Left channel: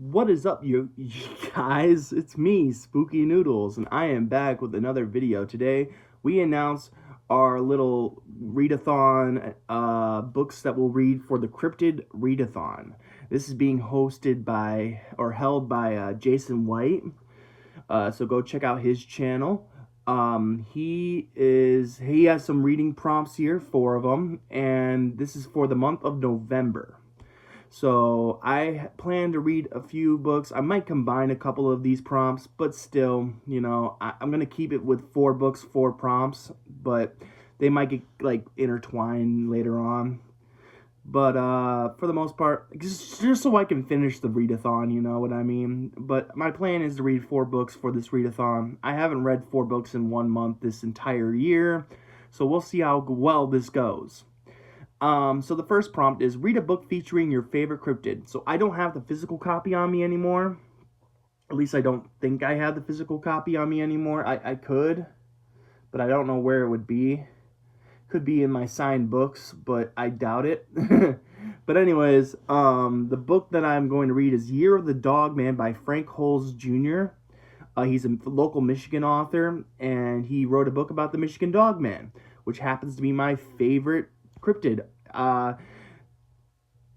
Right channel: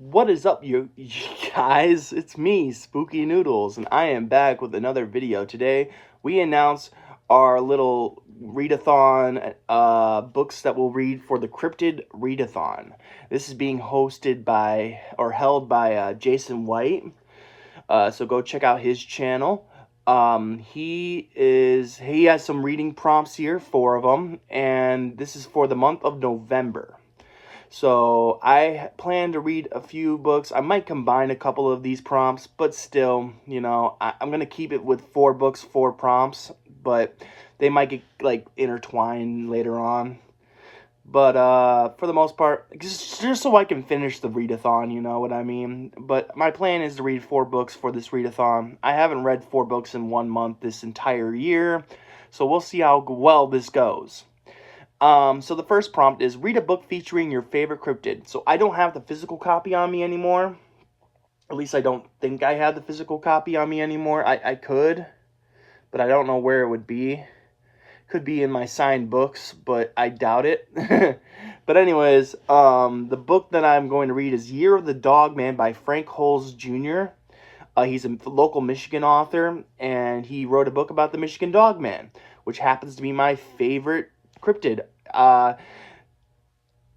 What is up, you guys? It's me, Spooky Noodles, and I am back with another video. Today, we announce our little readathon books that we'll read for the Cryptid Readathon. This is being hosted by, or held by, Jason White. So go check out his channel. He has some reading prompts here, 4 of them, and this is for the month of November. So I plan to read a few books. I might combine a couple of these prompts, but still, I'm going to keep it with 4 books, 4 prompts, but they might get like intertwined later on. But for the most part, just so I can finish the readathon, you know what I mean? But my plan is to read 4 books for this readathon. I haven't read 4 books in 1 month this entire year, so we'll see how well this goes. So the first prompt is read a book featuring your favorite cryptid. So I don't have the physical copy on me anymore. At least I don't think I have the physical copy on me anymore. I could, but I don't know where it would be. Could be in my signed books, but I doubt it. But anyways, the book that I'm going to read is Year of the Dog Man by Frank Holes Jr. He's a local Michigan author, and he wrote a book about the Michigan Dog Man, which happens to be my favorite cryptid.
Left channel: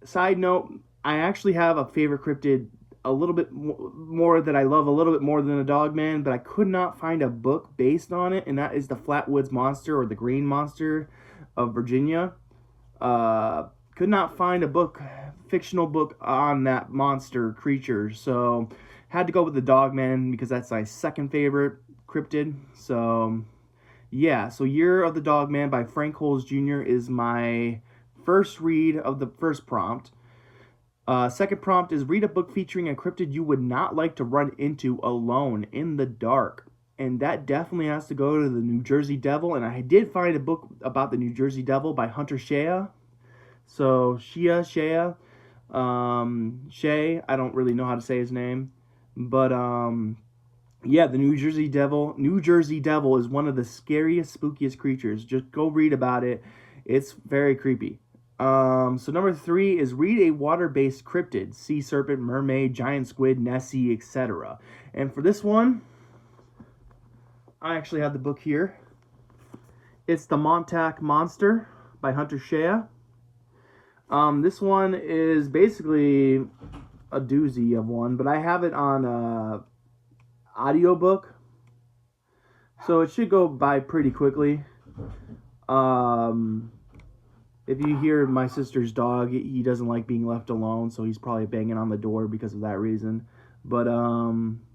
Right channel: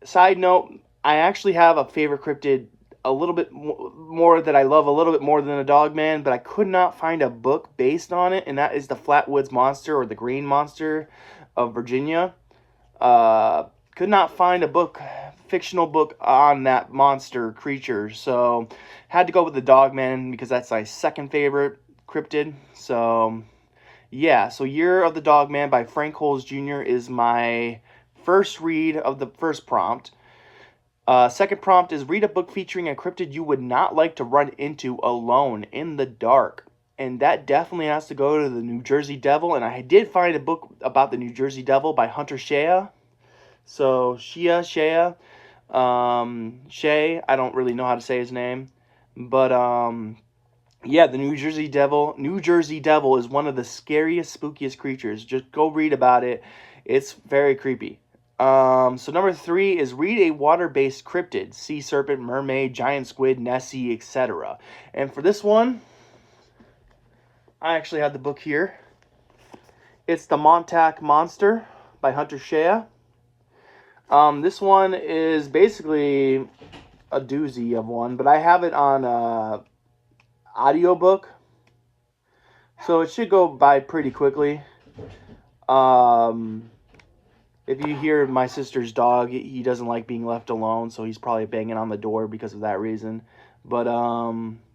Side note, I actually have a favorite cryptid a little bit more that I love a little bit more than a dog man, but I could not find a book based on it, and that is the Flatwoods Monster, or the Green Monster of Virginia. Could not find a book, fictional book on that monster creature, so had to go with the dog man because that's my second favorite cryptid. So yeah, so Year of the Dog Man by Frank Holes Jr. is my first read of the first prompt. Second prompt is read a book featuring a cryptid you would not like to run into alone in the dark. And that definitely has to go to the New Jersey Devil. And I did find a book about the New Jersey Devil by Hunter Shea. So Shea, Shay, I don't really know how to say his name. But yeah, the New Jersey Devil. New Jersey Devil is one of the scariest, spookiest creatures. Just go read about it. It's very creepy. So number 3 is read a water-based cryptid. Sea serpent, mermaid, giant squid, Nessie, etc. And for this one, I actually have the book here. It's The Montauk Monster by Hunter Shea. This one is basically a doozy of one, but I have it on audiobook, so it should go by pretty quickly. If you hear my sister's dog, he doesn't like being left alone, so he's probably banging on the door because of that reason. But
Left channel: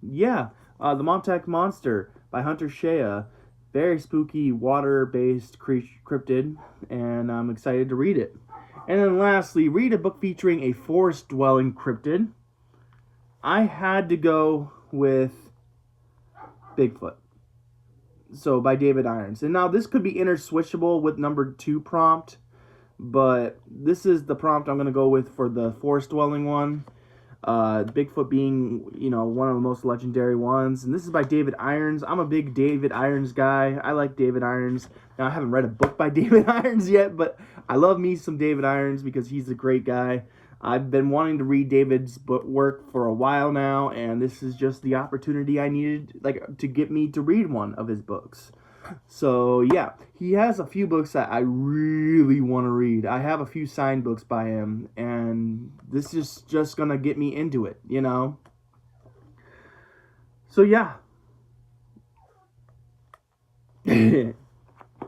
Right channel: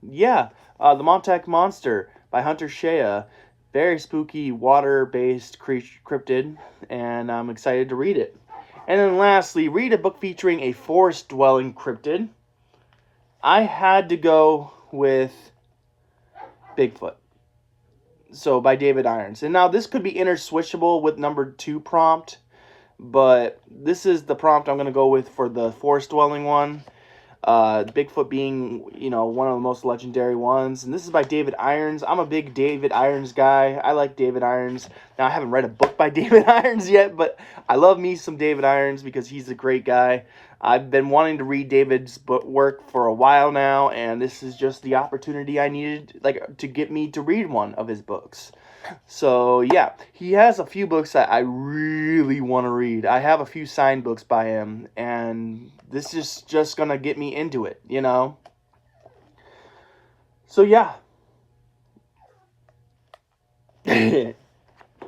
yeah, The Montauk Monster by Hunter Shea, very spooky water-based cryptid, and I'm excited to read it. And then lastly, read a book featuring a forest-dwelling cryptid. I had to go with Bigfoot, so by David Irons. And now this could be interswitchable with number 2 prompt, but this is the prompt I'm going to go with for the forest dwelling one. Bigfoot being, one of the most legendary ones. And this is by David Irons. I'm a big David Irons guy. I like David Irons. Now, I haven't read a book by David Irons yet, but I love me some David Irons because he's a great guy. I've been wanting to read David's work for a while now, and this is just the opportunity I needed, to get me to read one of his books. So yeah, he has a few books that I really want to read. I have a few signed books by him, and this is just gonna get me into it, So yeah.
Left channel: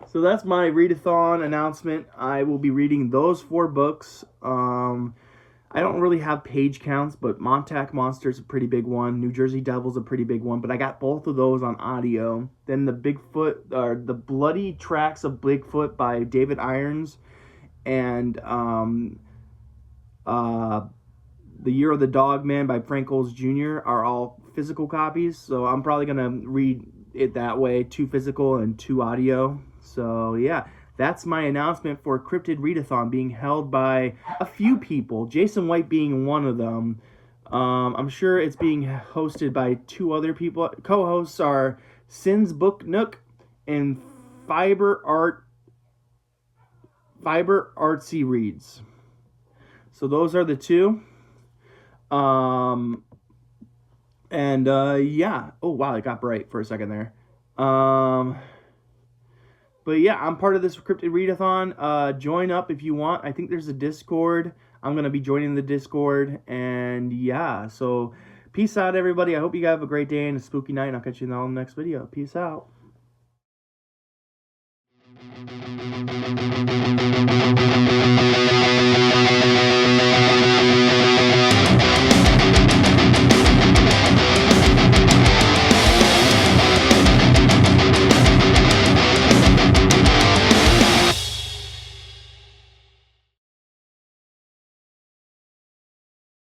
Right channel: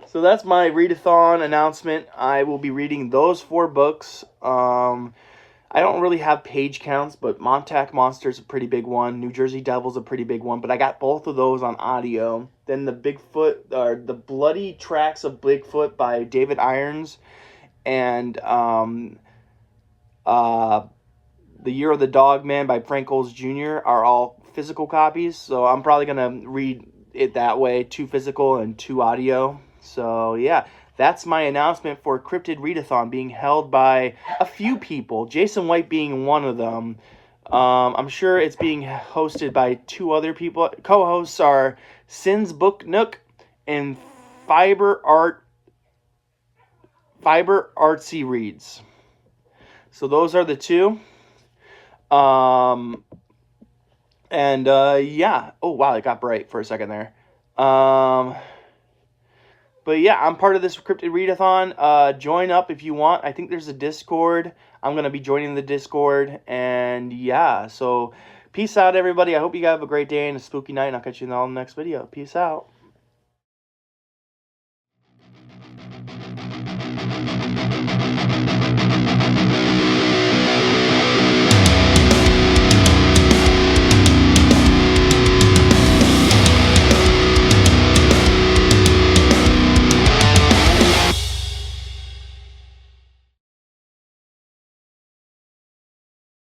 So that's my readathon announcement. I will be reading those 4 books. I don't really have page counts, but Montauk Monster's a pretty big one. New Jersey Devil's a pretty big one, but I got both of those on audio. Then the Bigfoot, or the Bloody Tracks of Bigfoot by David Irons, and The Year of the Dog Man by Frank Holes Jr. are all physical copies, so I'm probably gonna read it that way, 2 physical and 2 audio. So yeah, that's my announcement for Cryptid Readathon being held by a few people, Jason White being one of them. I'm sure it's being hosted by 2 other people. Co-hosts are Sin's Book Nook and Fiber Artsy Reads. So those are the 2. And yeah. Oh wow, it got bright for a second there. Um, but yeah, I'm part of this Cryptid Readathon. Join up if you want. I think there's a Discord. I'm gonna be joining the Discord, and yeah. So peace out, everybody. I hope you have a great day and a spooky night. And I'll catch you in the next video. Peace out.